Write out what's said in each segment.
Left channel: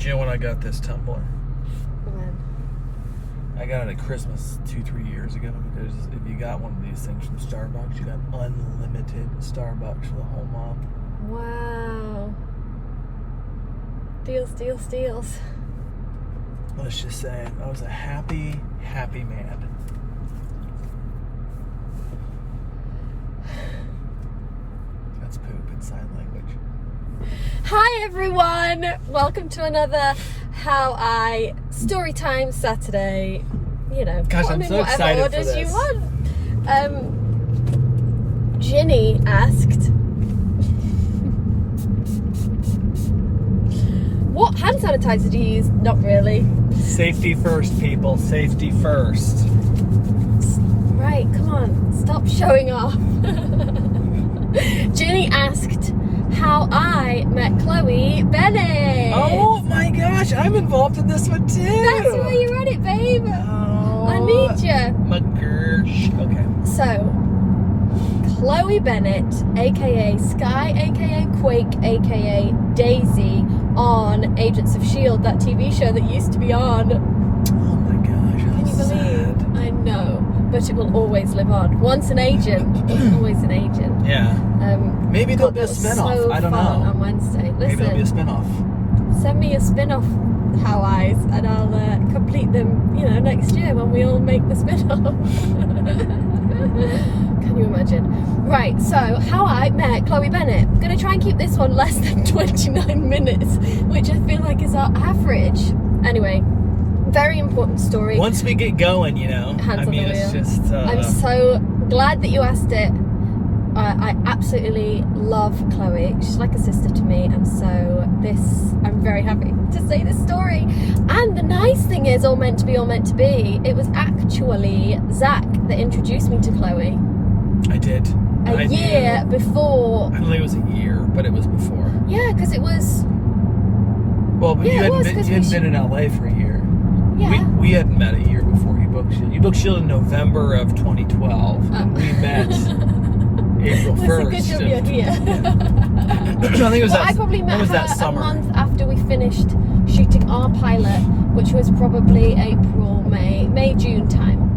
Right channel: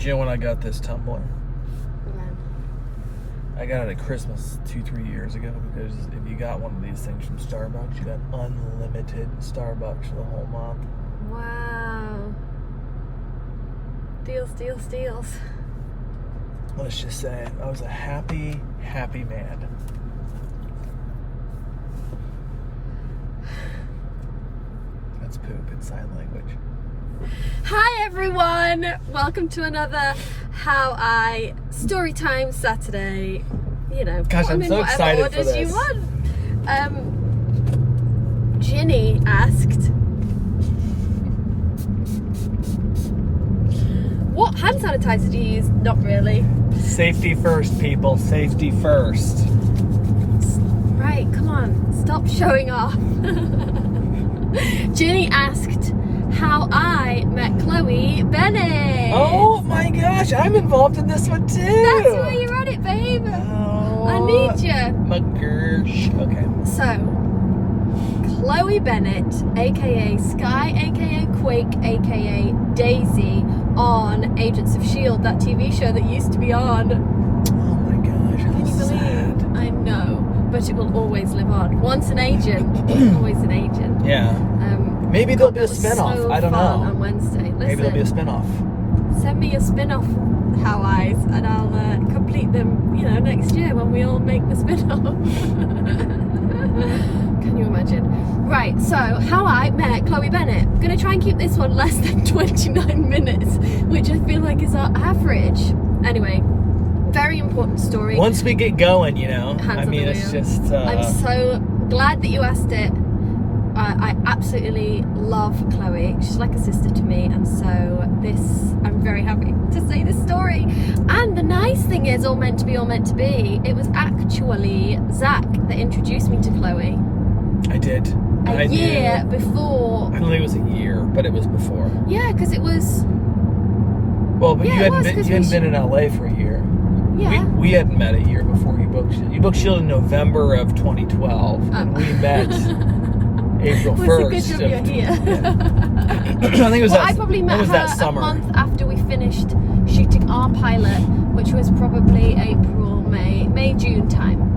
Do you know when I got this tumbler? When? I got it at Christmas 2-3 years ago because if you got one of these things from Starbucks, you got unlimited Starbucks for the whole month. Wow. Deals, deals, deals. Let's just say I was a happy, happy man. That's poop in sign language. Hi everyone! Welcome to another Haaaay Storytime Saturday. You know, Gosh, put I'm them in so whatever excited for orders this. you want. Ginny asked, what hand sanitizer do you use? Not really. Safety first, people. Safety first. Right, come on, stop showing off. Ginny asked how I met Chloe Bennet. Oh my gosh, I'm involved in this one too. That's why you're on it, babe. Oh, I need you. My gosh. Okay. So, Chloe Bennet, aka Sky, aka Quake, aka Daisy, on Agents of S.h.i.e.L.D., that TV show that used to be on. Oh my gosh. Can you believe? I know, but it will always live on. Once an agent, always an agent. Yeah. Maybe there'll be a that was spin-off. so I don't fun know. On Wednesday. Maybe there'll be a Listen, spin-off. send me a spin-off Haaaays and I'll complete them, you know, next year when we all make the spin-off. Can you imagine? Right, so how I met Chloe Bennet. I'm going to try and keep this one less than 29 minutes, which I feel like is our average. Anyway, very important story. Once we get going, you know, Hands I on mean, the it's wheel. just... I'm so glad that you asked it. I absolutely love Chloe. She's like a sister to me, and so I'm very happy to say this story. And the nice thing is, all meant to be, it was actually Zach that introduced me to Chloe. I did. A year before. I don't think it was a year, but it was before. Yeah, because it was. Well, but Yeah, you it was, hadn't 'cause been in LA for a year. Yeah. We hadn't met a year before you booked S.h.i.e.L.D. You booked S.h.i.e.L.D. in November of 2012, and we met April 1st. It was a good job you're here. I think it was I probably met her that a summer. month after we finished shooting our pilot, which was probably April, May, June time.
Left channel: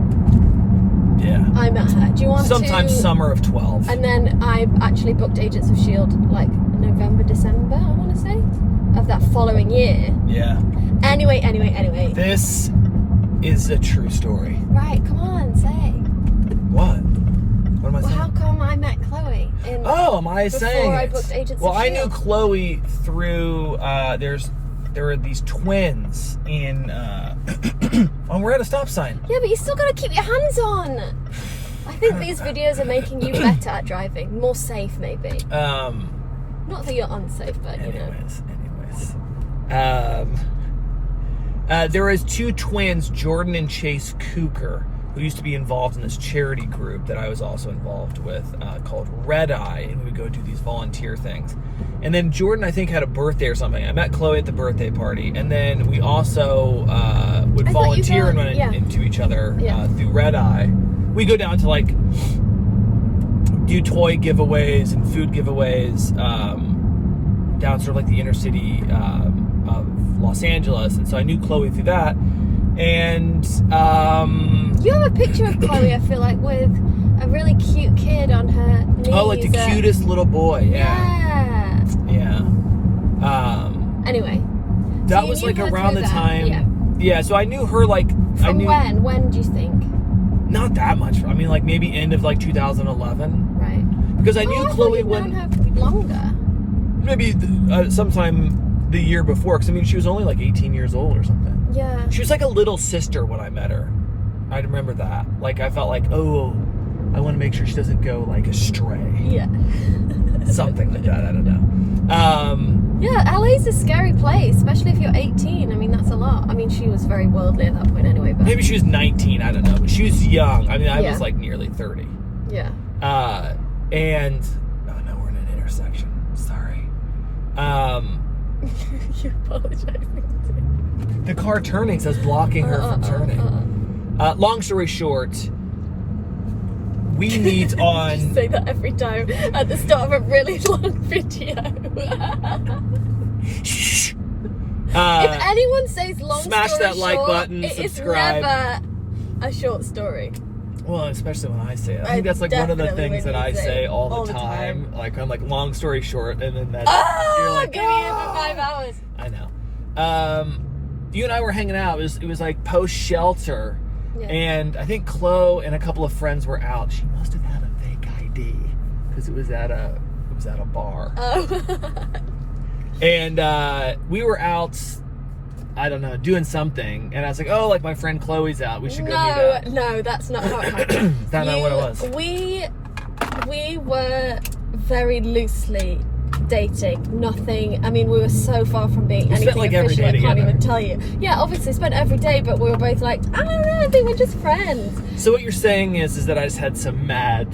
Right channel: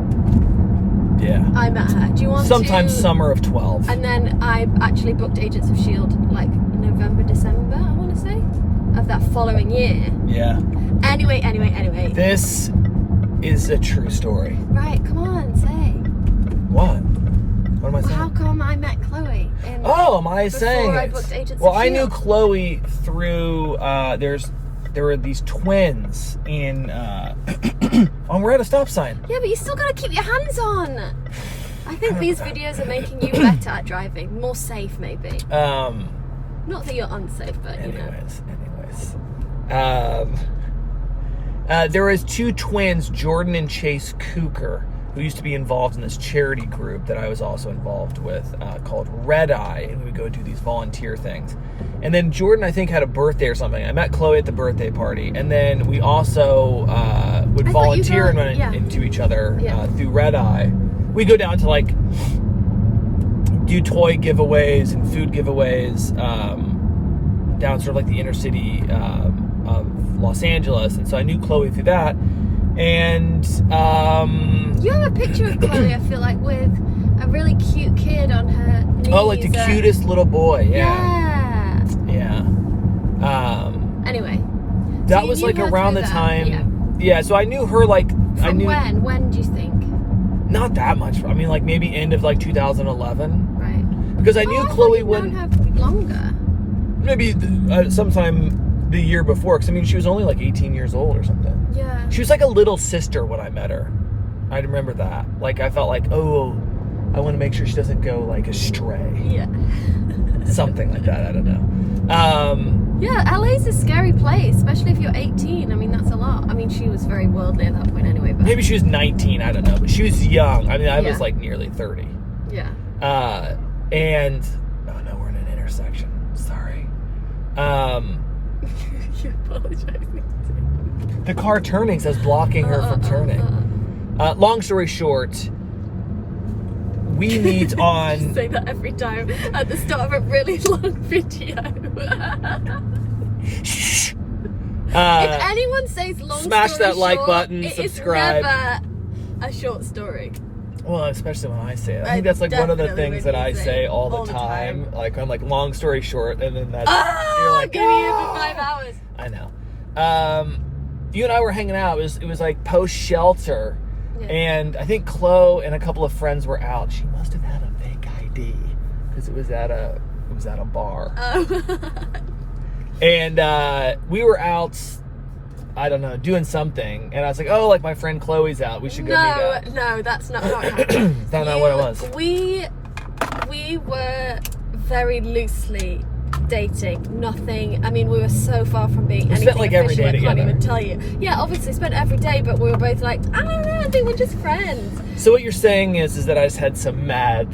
Yeah. I met her. Do you want Sometime to? summer of 12. And then I actually booked Agents of S.h.i.e.L.D. like November, December, I want to say, of that following year. Yeah. Anyway. This is a true story. Right, come on, say. What? What am I Well, saying? how come I met Chloe? Oh, am I saying Before I it? booked Agents Well, of I knew S.h.i.e.L.D. Chloe through, there were these twins in, oh, we're at a stop sign. Yeah, but you still got to keep your hands on. I think these videos are making you better at driving. More safe, maybe. Not that you're unsafe, but you know. There was two twins, Jordan and Chase Cooker, who used to be involved in this charity group that I was also involved with, called Red Eye, and we go do these volunteer things. And then Jordan, I think, had a birthday or something. I met Chloe at the birthday party, and then we also would volunteer and run into each other through Red Eye. We go down to like do toy giveaways and food giveaways down sort of like the inner city of Los Angeles, and so I knew Chloe through that. And you have a picture of Chloe, I feel like, with a really cute kid on her knees. Oh, like the cutest little boy. Yeah. Anyway, that was like around the time. Yeah. So I knew her like. From when? When do you think? Not that much. I mean, like maybe end of like 2011. Right. Because I knew Chloe would. Known her longer. Maybe sometime the year before. Because I mean, she was only like 18 years old or something. Yeah. She was like a little sister when I met her. I remember that. Like I felt like, oh, I want to make sure she doesn't go like astray. Yeah. Something like that. I don't know. Yeah, LA's a scary place, especially if you're 18. I mean, that's a lot. I mean, she was very worldly at that point anyway. But maybe she was 19. I don't know, but she was young. I mean, I was like nearly 30. Yeah. And oh no, we're in an intersection. Sorry. You're apologizing. The car turning says blocking her from turning. Long story short, we meet on... You say that every time at the start of a really long video. Shh. If anyone says long smash story that like short, button, it subscribe. is never a short story. Well, especially when I say it. I think that's like one of the things that I say all the time. Like I'm like, long story short, and then that's you're like, give me it for 5 hours. I know. You and I were hanging out. It was like post shelter, and I think Chlo and a couple of friends were out. She must have had a fake ID because it was at a bar. Oh. And we were out, I don't know, doing something, and I was like, oh, like my friend Chloe's out, we should go meet up. No, that's not how it happened. That's not what it was. We were very loosely dating. Nothing, I mean, we were so far from being anything spent, like, every official, day I can't together. even tell you. Yeah, obviously spent every day, but we were both like, I don't know, I think we're just friends. So what you're saying is that I just had some mad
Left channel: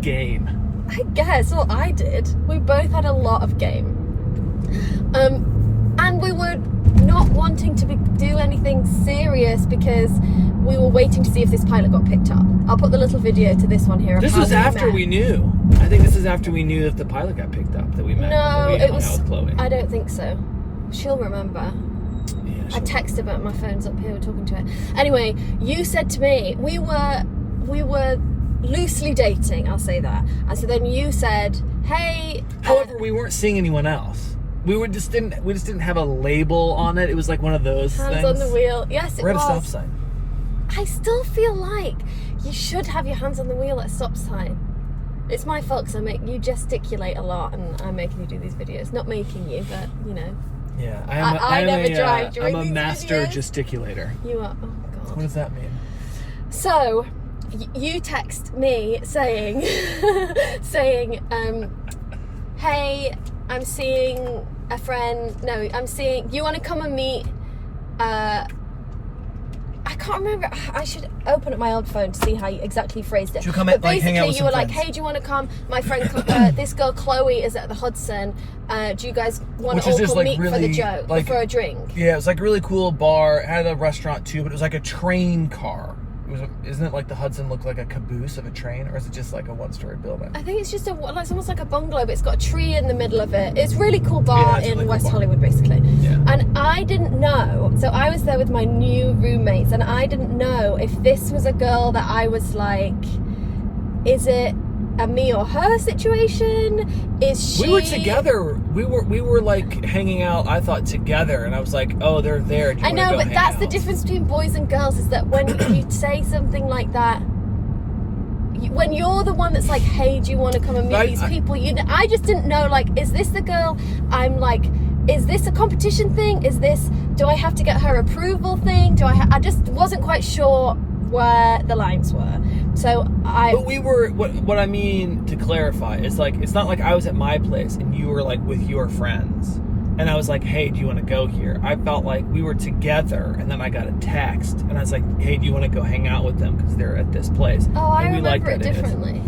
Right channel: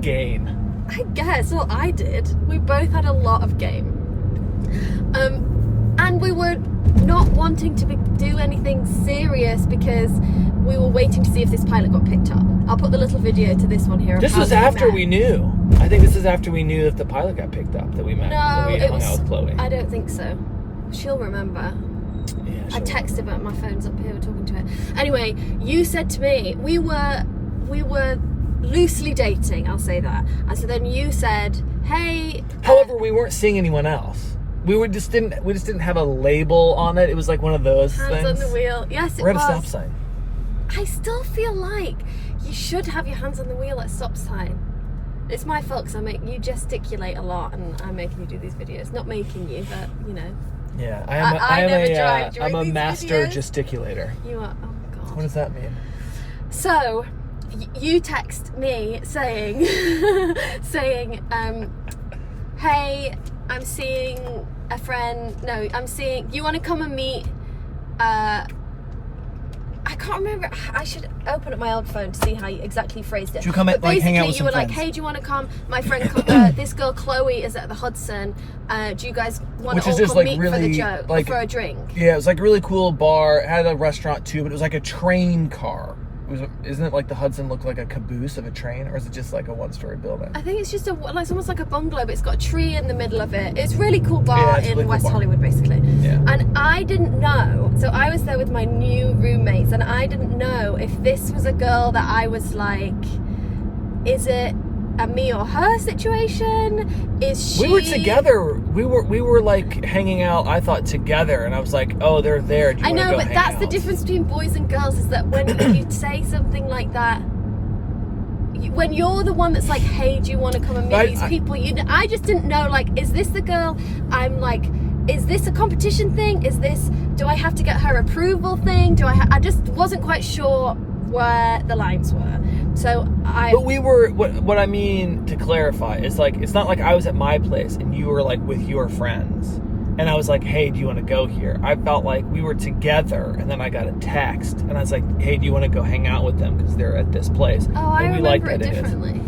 game. I guess, well, I did. We both had a lot of game. And we were not wanting to do anything serious because we were waiting to see if this pilot got picked up. I'll put the little video to this one here. This was after we knew. I think this is after we knew if the pilot got picked up that we met. No, we it was. Out with Chloe. I don't think so. She'll remember. Yeah, I texted, but my phone's up here. We're talking to it. Anyway, you said to me we were loosely dating. I'll say that. And so then you said, "Hey." However, we weren't seeing anyone else. We just didn't have a label on it. It was like one of those hands things. on the wheel. Yes, it We're at was. a stop sign. I still feel like you should have your hands on the wheel at a stop sign. It's my fault because you gesticulate a lot and I'm making you do these videos. Not making you, but you know. Yeah, I never drive during I'm a these master videos. gesticulator. You are. Oh God. What does that mean? So, you text me saying, hey, I'm seeing a friend. No, you want to come and meet? I can't remember. I should open up my old phone to see how you exactly phrased it. Should we come but like, hang out basically, with you some were like, friends? "Hey, do you want to come? My friend, this girl Chloe is at the Hudson. Do you guys want to all come meet for the joke, or for a drink?" Yeah, it was like a really cool bar. It had a restaurant too, but it was like a train car. Isn't it like the Hudson looked like a caboose of a train, or is it just like a one-story building? I think it's just it's almost like a bungalow, but it's got a tree in the middle of it. It's a really cool bar in really West cool Hollywood, basically. Yeah. And I didn't know, so I was there with my new roommates, and I didn't know if this was a girl that I was like, is it a me or her situation? Is she? We were together. We were like hanging out. I thought together, and I was like, "Oh, they're there." Do you I know, wanna go but hang that's the out? difference between boys and girls, is that when you say something like that, when you're the one that's like, "Hey, do you want to come and meet these people?" I just didn't know, like, is this the girl? I'm like, is this a competition thing? Do I have to get her approval thing? I just wasn't quite sure where the lines were. So But we were, what I mean to clarify is like, it's not like I was at my place and you were like with your friends and I was like, "Hey, do you want to go here?" I felt like we were together, and then I got a text and I was like, "Hey, do you want to go hang out with them because they're at this place?" Oh, I and remember it differently.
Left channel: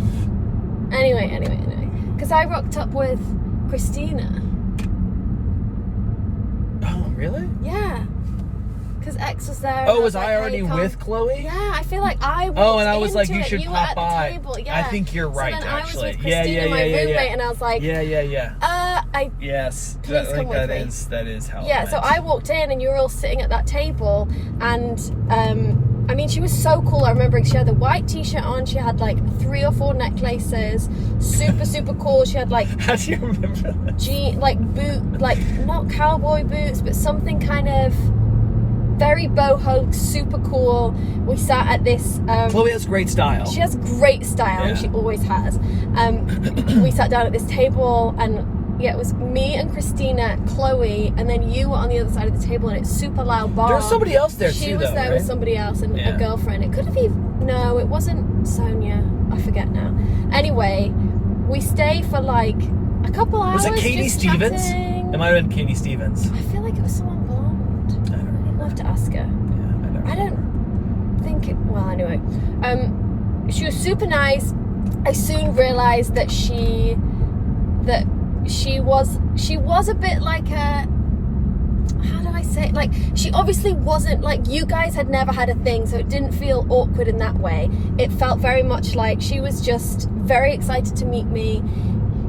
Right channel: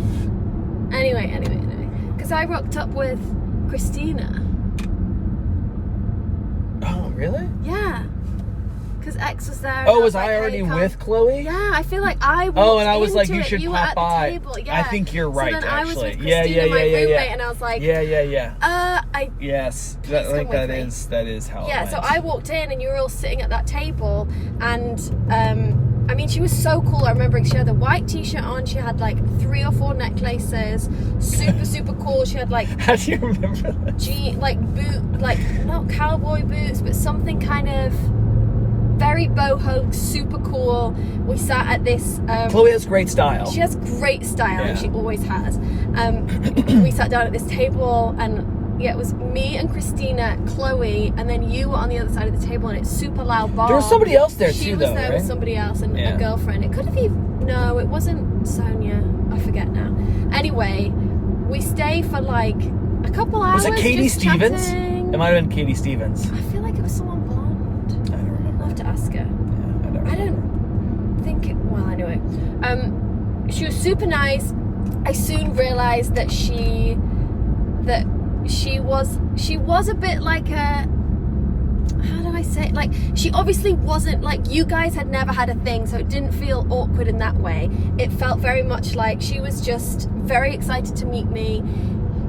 Anyway. Because I rocked up with Christina. Oh, really? Yeah. Because X was there. Oh, was like, I already "Hey, come." with Chloe? Yeah, I feel like I walked Oh, and I was like, into "You it. should You were pop at the by." table. Yeah. I think you're right, So then I was actually. with Christina, my roommate, and I was like, Yeah. Yes, Please come with me. that is how. yeah. it So went. I walked in, and you were all sitting at that table, and I mean, she was so cool. I remember she had the white t-shirt on. She had like 3 or 4 necklaces. Super cool. She had like How do you remember that? not cowboy boots, but something kind of very boho, super cool. We sat at this. Chloe has great style. She has great style, Yeah. and she always has. We sat down at this table, and yeah, it was me and Christina, Chloe, and then you were on the other side of the table, and it's super loud bar. There was somebody else there She too, was though, there right? with somebody else and Yeah. a girlfriend. It could have been, no, it wasn't Sonia. I forget now. Anyway, we stayed for like a couple hours. Was it Katie just Stevens? chatting. It might have been Katie Stevens. I feel like it was someone blonde. I don't remember. I'd love to ask her. Yeah, I don't think it, well, anyway. She was super nice. I soon realized that she was a bit like a, how do I say it? Like, she obviously wasn't, like, you guys had never had a thing, so it didn't feel awkward in that way. It felt very much like she was just very excited to meet me.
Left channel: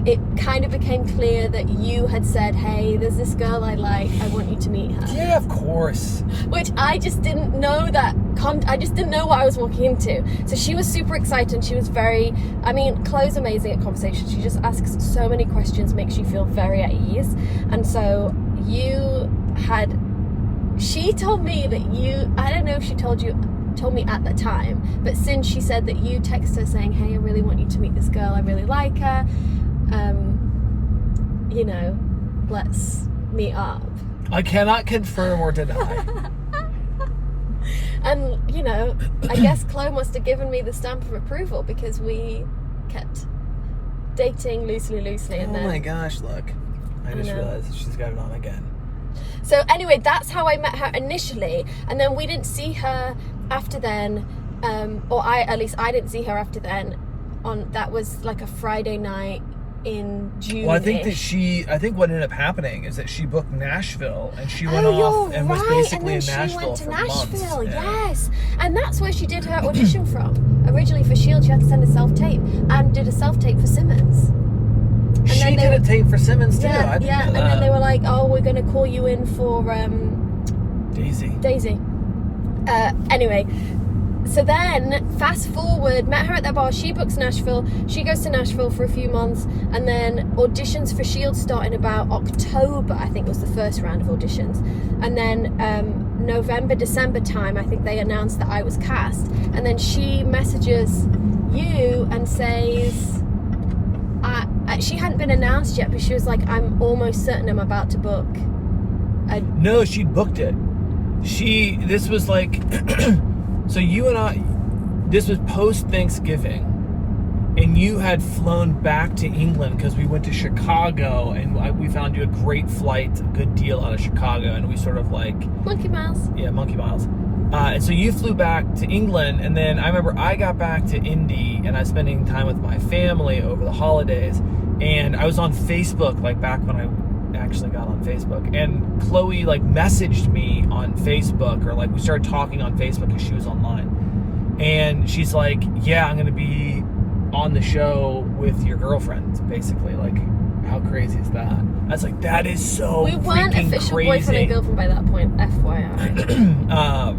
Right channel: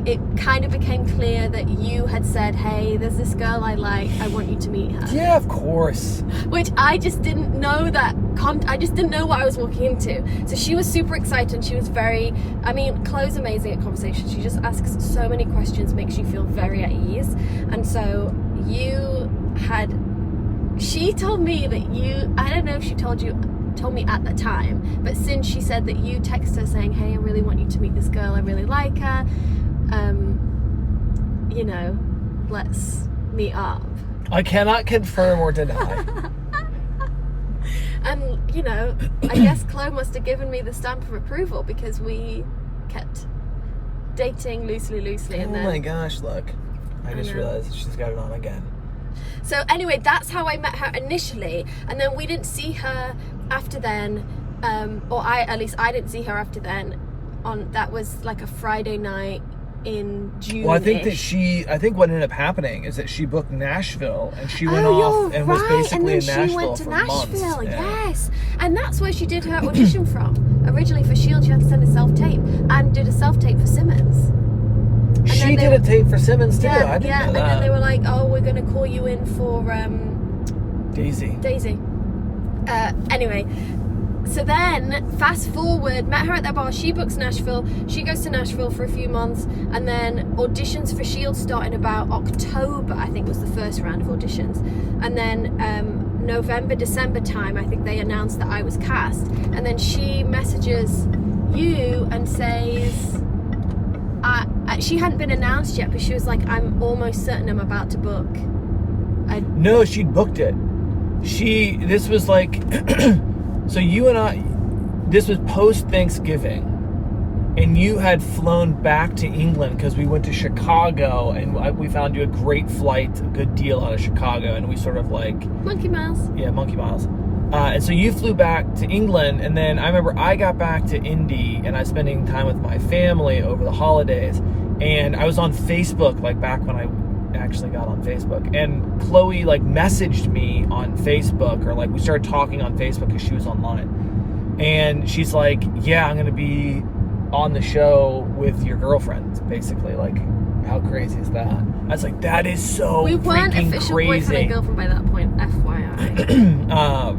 it kind of became clear that you had said, hey, there's this girl I like, I want you to meet her. Yeah, of course. Which I just didn't know that, I just didn't know what I was walking into. So she was super excited. She was very, I mean, Chloe's amazing at conversation. She just asks so many questions, makes you feel very at ease. And so she told me that I don't know if she told me at the time, but since she said that you text her saying, hey, I really want you to meet this girl, I really like her, you know, let's meet up. I cannot confirm or deny. And, you know, I guess Chloe must have given me the stamp of approval, because we kept dating loosely, and then... Oh my gosh, look. I just realized she's got it on again. So anyway, that's how I met her initially, and then we didn't see her after then, or at least I didn't see her after then. That was like a Friday night in June. Well, I think what ended up happening is that she booked Nashville, and she went off and was basically in Nashville for months. Yes, and that's where she did her audition from. Originally for S.h.i.e.L.D, she had to send a self-tape, and did a self-tape for Simmons. And she did a tape for Simmons too. I didn't know that. And then they were like, oh, we're going to call you in for Daisy. Anyway, so then fast forward, met her at their bar. She books Nashville. She goes to Nashville for a few months, and then auditions for S.h.i.e.L.D. start in about October, I think was the first round of auditions. And then November, December time, I think they announced that I was cast. And then she messages you and says, she hadn't been announced yet, but she was like, I'm almost certain I'm about to book. No, she'd booked it. This was like, so you and I, this was post-Thanksgiving, and you had flown back to England because we went to Chicago, and we found you a great flight, a good deal out of Chicago, and we sort of like... Monkey miles. Yeah, monkey miles. And so you flew back to England, and then I remember I got back to Indy, and I was spending time with my family over the holidays, and I was on Facebook, like back when I actually got on Facebook, and Chloe like messaged me on Facebook, or like we started talking on Facebook because she was online, and she's like, yeah, I'm gonna be on the show with your girlfriend, basically. Like, how crazy is that? I was like, that is so we weren't official crazy. Boyfriend and girlfriend by that point, FYI.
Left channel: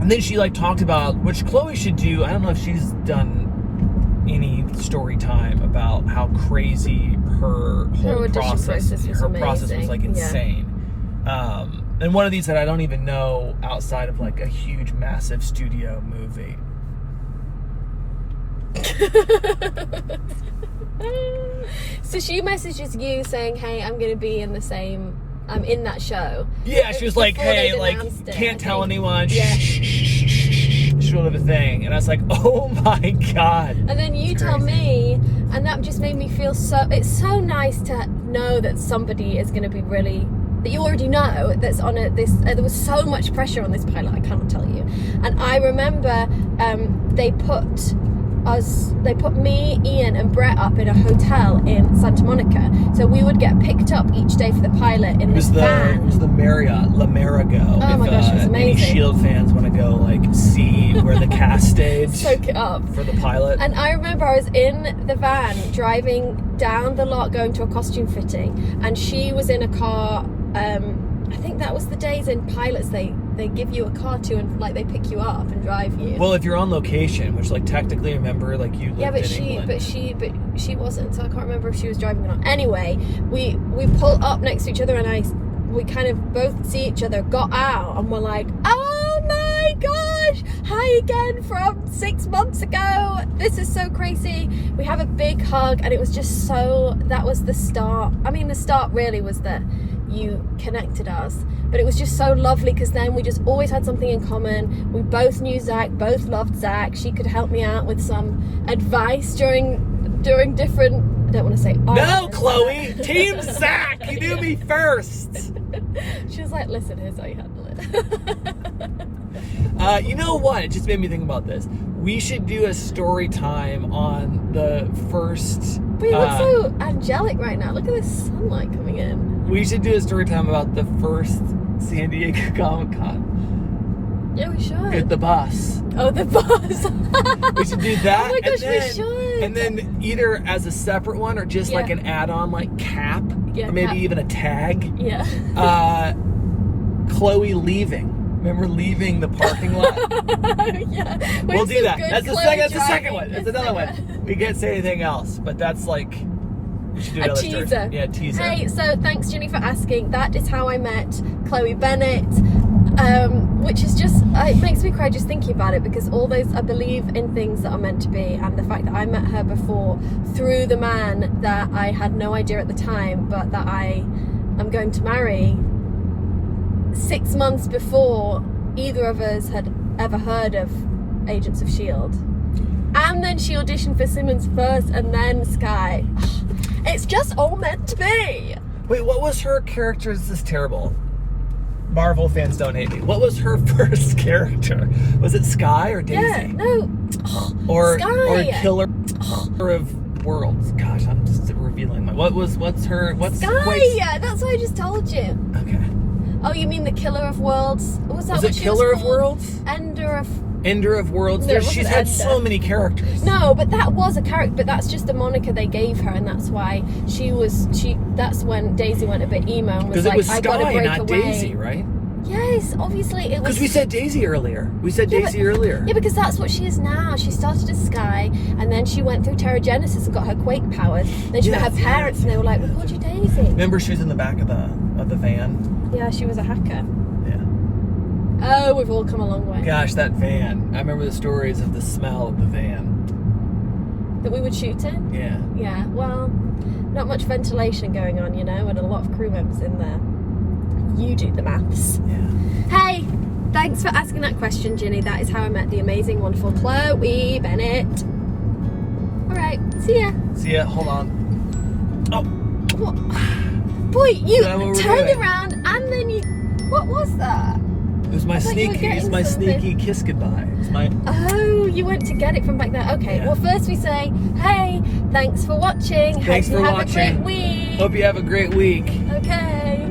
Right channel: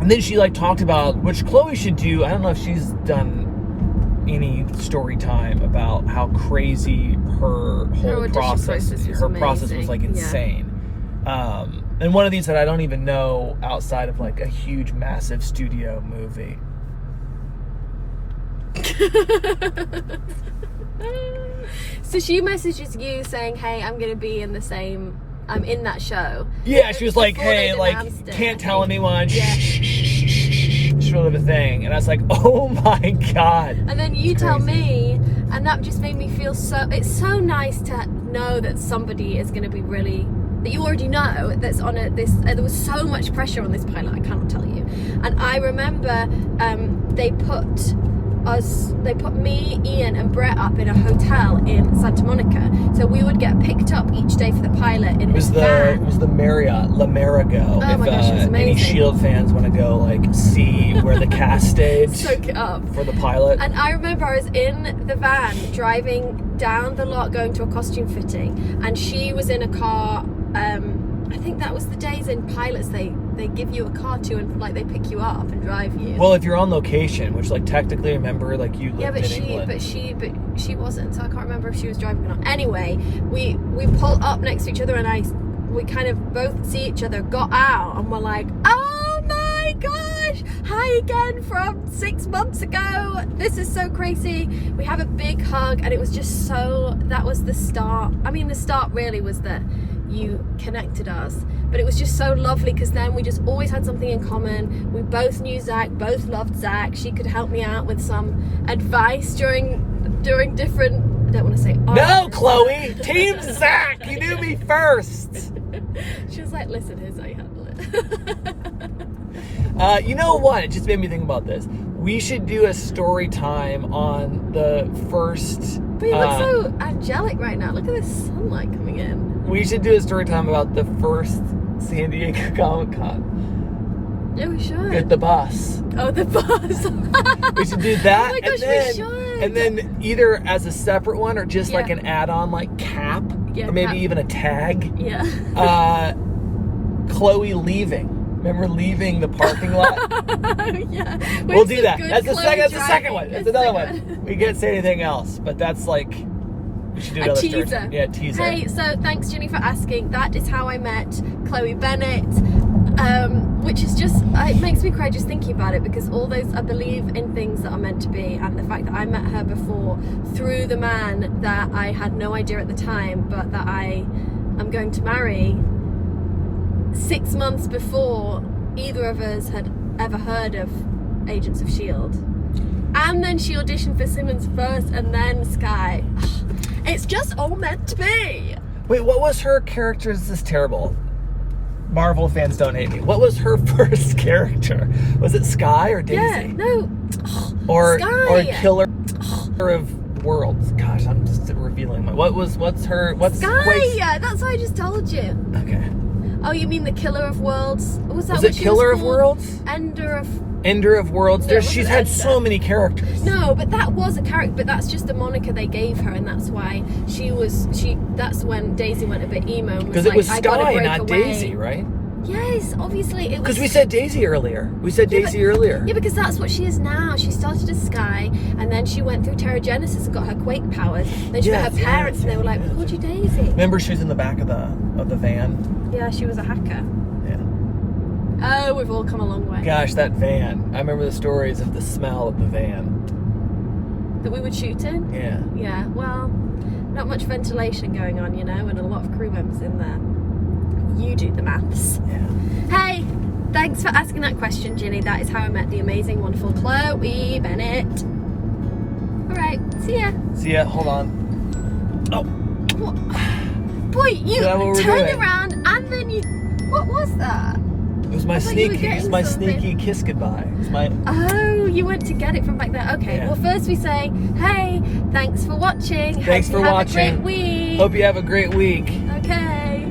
And then she like talked about, which Chloe should do, I don't know if she's done any story time about how crazy her whole process was like insane. Yeah. And one of these that I don't even know outside of like a huge massive studio movie. So she messages you saying, hey, I'm gonna be in I'm in that show. Yeah, she was like, hey, like, can't tell anyone. Yeah. Sort of a thing. And I was like, oh my God. And then you tell me, and that just made me feel it's so nice to know that somebody is going to be really, that you already know that's on there was so much pressure on this pilot, I cannot tell you. And I remember they put me, Ian, and Brett up in a hotel in Santa Monica. So we would get picked up each day for the pilot in this van. It was the Marriott, La Marigo. Oh my gosh, it was amazing. Any S.h.i.e.L.D. fans want to go like see where the cast staged soak it up for the pilot. And I remember I was in the van driving down the lot going to a costume fitting, and she was in a car. I think that was the days in pilots they give you a car to, and like they pick you up and drive you. Well, if you're on location, which like technically, remember, like you lived in England. but she wasn't, so I can't remember if she was driving or not. Anyway, we pulled up next to each other, and we kind of both see each other, got out, and we're like, oh my gosh, hi again from 6 months ago. This is so crazy. We have a big hug, and it was just that was the start. I mean, the start really was that you connected us, but it was just so lovely because then we just always had something in common. We both knew Zach, both loved Zach. She could help me out with some advice during different, I don't want to say no, Chloe, Team Zach, you knew me first. She was like, listen, here's how you handle it. You know what, it just made me think about this. We should do a story time on the first... But you look so angelic right now. Look at this sunlight coming in. We should do a story time about the first San Diego Comic-Con. Yeah, we should. With the bus. Oh, the bus. We should do that. Oh my gosh, we should. And then either as a separate one or just like an add-on, like cap, or maybe even a tag. Yeah. Chloe leaving. Remember leaving the parking lot? Yeah. We'll do that. That's the second one. That's another one. We can't say anything else, but that's like, we should do a teaser. Yeah, teaser. Hey, so thanks Ginny for asking. That is how I met Chloe Bennet, which is just, it makes me cry just thinking about it, because all those, I believe in things that are meant to be, and the fact that I met her before through the man that I had no idea at the time, but that I am going to marry 6 months before either of us had ever heard of Agents of S.h.i.e.L.D. And then she auditioned for Skimmons first and then S.h.i.e.L.D. It's just all meant to be. Wait, what was her character? This is terrible. Marvel fans don't hate me. What was her first character? Was it Skye or Daisy? Yeah, no. Or Skye. Killer of Worlds. Gosh, I'm just revealing. What's Skye, yeah, that's what I just told you. Okay. Oh, you mean the Killer of Worlds? Was that Was what it she Killer was of called? Worlds? Ender of Worlds. No, She's had so many characters. No, but that was a character, but that's just the moniker they gave her, and that's why that's when Daisy went a bit emo and was like, I gotta break not away. Daisy, right? Yes, obviously it was. Because we said Daisy earlier. Yeah, because that's what she is now. She started as Skye, and then she went through Terragenesis and got her quake powers. Then she met her parents, and they were like, "We called you Daisy." Remember, she was in the back of the van. Yeah, she was a hacker. Yeah. Oh, we've all come a long way. Gosh, that van! I remember the stories of the smell of the van that we would shoot in. Yeah. Yeah. Well, not much ventilation going on, you know, and a lot of crew members in there. You do the maths. Yeah. Hey, thanks for asking that question, Ginny. That is how I met the amazing, wonderful Chloe Bennet. All right, see ya. See ya. Hold on. Oh. What? Boy, you turned around and then you. What was that? It was my sneaky kiss goodbye. It was my. Oh, you went to get it from back there. Okay. Yeah. Well, first we say, hey, thanks for watching. Thanks for watching. Have a great week. Hope you have a great week. Okay.